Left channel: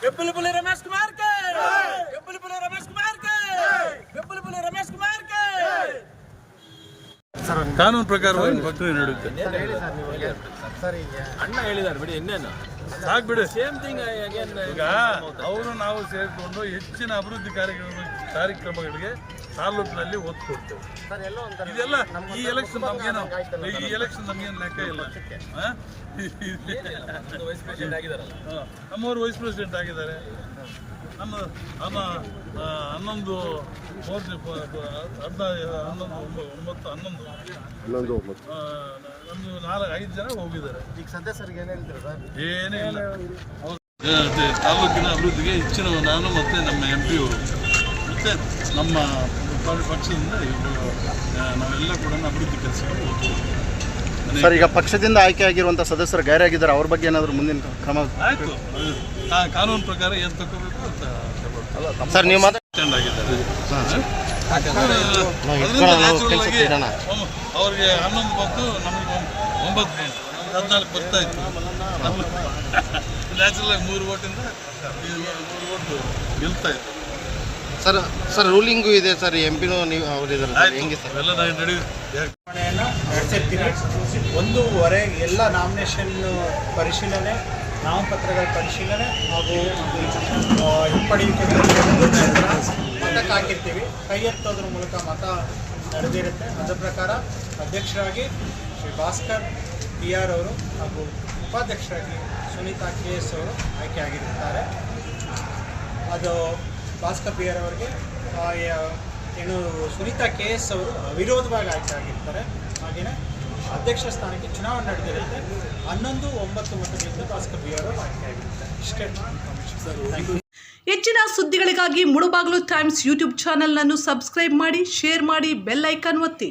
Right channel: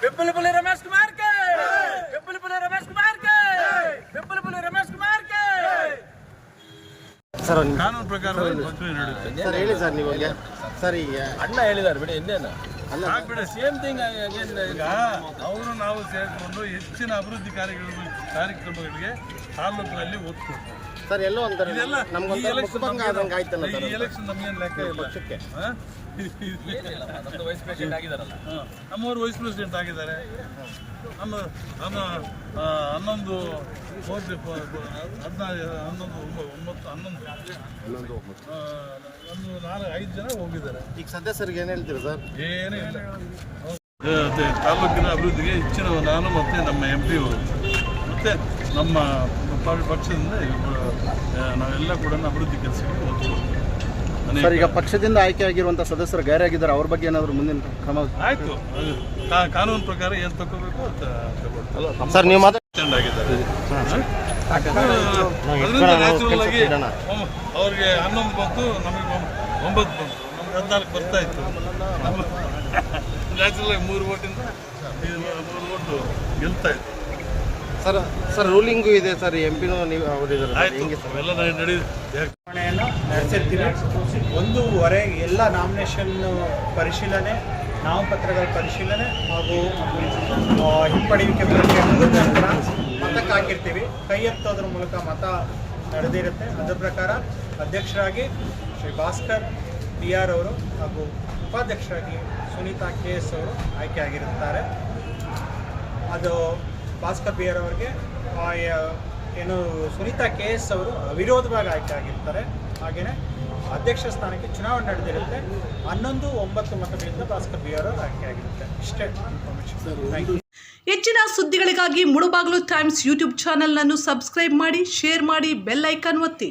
पिपल पुले रमेश कुमार के पिपल पुले रमेश कुमार के पिपल पुले रमेश कुमार के ಕಾನೂನು ಪ್ರಕಾರ ಪ್ರಕ್ರಿಯೆ ನಡೆಯುತ್ತೆ ಸರ್ ಹೇಳಿ ಸರ್ ನೀವು ಸರ್ ಈಗ ಅಣ್ಣ ಹೇಳಿದ್ದಾರೆ ಬಿಡಿ ಇನ್ನೇನು ಆಗ್ಬಿಡಿ ಸೇಮ್ ಥಿಂಗ್ ಅಗೇನ್ ಈಗ ಅವರು ನಾವು ಸೇರಿಕೊಂಡು ಹೆಚ್ಚಿನ ಅಭಿವೃದ್ಧಿ ಕಾರ್ಯಕ್ರಮ ಕಾರ್ಯಕ್ರಮಗಳಿಗೆ ತಾಲೂಕಿನಲ್ಲಿ ಒತ್ತು ಕೊಡ್ತೇವೆ ಸರ್ ಎಲ್ಲೋ ಒಂಥರ ಇದೆಲ್ಲ ಈ ಎಲೆಕ್ಷನ್ ನಮಗೆ ಈ ಎಲೆಕ್ಷನ್ ನಮ್ಗೇನು ಲೆಕ್ಕ ಇಲ್ಲ. ನಮ್ಮವರು ವೈಸ್ ಪ್ರೆಸಿಡೆಂಟ್ ಆಗಿದ್ದಾರೆ. ನಮ್ಮ ನಮ್ಮ ಹನ್ನೊಂದು ಮೂವತ್ತು ಹದಿನ ಹನ್ನೊಂದು ಒಂಬ- ಒಂಬತ್ತು. ಹನ್ನೊಂದು ನಮ್ದು ನಾಲ್ಕು ಐದು ಜನ ಹೋಗಿದ್ದಾರೆ. ಈಗ ಸದಸ್ಯರಿಗೆ ಏನು ಹೇಳ್ತೀರಿ ಸರ್? ಏನೂ ಇಲ್ಲ. ತಾಲೂಕಿನ ಅಭಿವೃದ್ಧಿಗೆ ಹೆಚ್ಚಿನ ನಾನು ಮತ್ತು ನಮ್ಮ ಎಂ ಪಿ ಮತ್ತು ನಮ್ಮ ಪಕ್ಷದಿಂದ ನಾವೆಲ್ಲ ಕೂಡ ಅಭಿವೃದ್ಧಿ ಕೆಲಸಕ್ಕೆ ಹೋಗ್ತೀವಿ. ಸರ್ ಈಗ ಪಕ್ಷದಿಂದ ಆಯ್ಕೆ ಆಗಿರುವಂಥ ಸದಸ್ಯರು ಗೈರಾಗಿದ್ದಾರೆ. ಅವ್ರ ಬಗ್ಗೆ ಏನಾದರೂ ಮುಂದಿನ ಕ್ರಮ ಆಯ್ತು. ಕಾನೂನು ಪ್ರಕಾರ ಏನ್ ತಗೋಬೇಕು ಅಂತ. ಸರ್ ನೀವು ಮಾತ್ರ ಆಗಿದ್ದಾರೆ. ಅವ್ರಿಗೆ ಹನ್ನೊಂದು ಬಂತು ನಮಗೆ ಒಂಬತ್ತು ಬಂತು. ನಮ್ಗೆ ಹದಿನಾಲ್ಕು ಬರ್ತಾ ಇತ್ತು. ನಮ್ಮ ನ್ಯಾಚುರಲ್ ಆಗಿ ಮೂರು ಓಟಿಂದ ಮೂರು ಓಟು ಗೆಲ್ತಾ ಇತ್ತು. ಸರ್ ಸರ್ ರೂಲಿಂಗು ಇದೆ ಸರ್ ಎಂ ಪಿನೂ ನೀವು ಅವರಿದ್ದಾರೆ ಹೆಂಗೆ ಸರ್? ನಾನು ನಡೆಯುತ್ತೆ ನಡೆಸಿರ್ತೀನಿ ಒಂದೂವರೆ ಎಲ್ಲ ನಾಮಿನೇಷನ್ ಪರಿಶೀಲನೆ ನಾಮಪತ್ರಗಳ ಪರಿಶೀಲನೆ ಹಾಗೂ ಹಿಂಪಡೆಯುವಿಕೆ ಪ್ರಕ್ರಿಯೆ ಮುಗಿದ ನಂತರ ಹಾಕಿರ್ತೀವಿ. ಕೈ ಎತ್ತೋದ್ರ ಮೂಲಕ ಮತ ನಡೆದಿರುತ್ತೆ. ಅದರ ಪ್ರಕಾರ ಅಧ್ಯಕ್ಷರಾಗಿ ಶ್ರೀ ಭಾಸ್ಕರ್ ಪಿ ಆರ್ ಅವರು ಹಾಗೂ ಉಪಾಧ್ಯಕ್ಷರಾಗಿ ಸುನೀತಾ ಕೆ ಎಸ್ ಅವರು ಆಯ್ಕೆಯಾಗಿರುತ್ತಾರೆ ಅದು ಭಾಸ್ಕರ್ ಪಿ ಆರ್ ಅವರಿಗೆ ಏನು, ಸುನೀತಾ ಕೆ ಎಸ್ ಅವರು ಅವಿರೋಧವಾಗಿ ಆಯ್ಕೆ ಆಗಿರ್ತಾರೆ. ಹಾಗೆಯೇ ಅಧ್ಯಕ್ಷ ಸ್ಥಾನಕ್ಕೆ ಚುನಾವಣೆ ನಡೆದಿರುತ್ತೆ. ಹನ್ನೊಂದು ಒಂಬತ್ತು ಮತಗಳಿಂದ ಭಾಸ್ಕರ್ ಬಿ ಆರ್ ಅವರು ಆಯ್ಕೆ ಆಗಿರುತ್ತೆ. ಇಷ್ಟೇ ಇನ್ಫಾರ್ಮೇಷನ್ ಥ್ಯಾಂಕ್ ಯು ಹೆಚ್ಚಿನ ಸುದ್ದಿಗಳಿಗಾಗಿ ಮುಳುಬಾಗಿಲು ಟೈಮ್ಸ್ ಯೂಟ್ಯೂಬ್ ಚಾನಲ್ನನ್ನು ಸಬ್ಸ್ಕ್ರೈಬ್ ಮಾಡಿ ಶೇರ್ ಮಾಡಿ ಬೆಲ್ ಐಕಾನ್ ಒತ್ತಿ.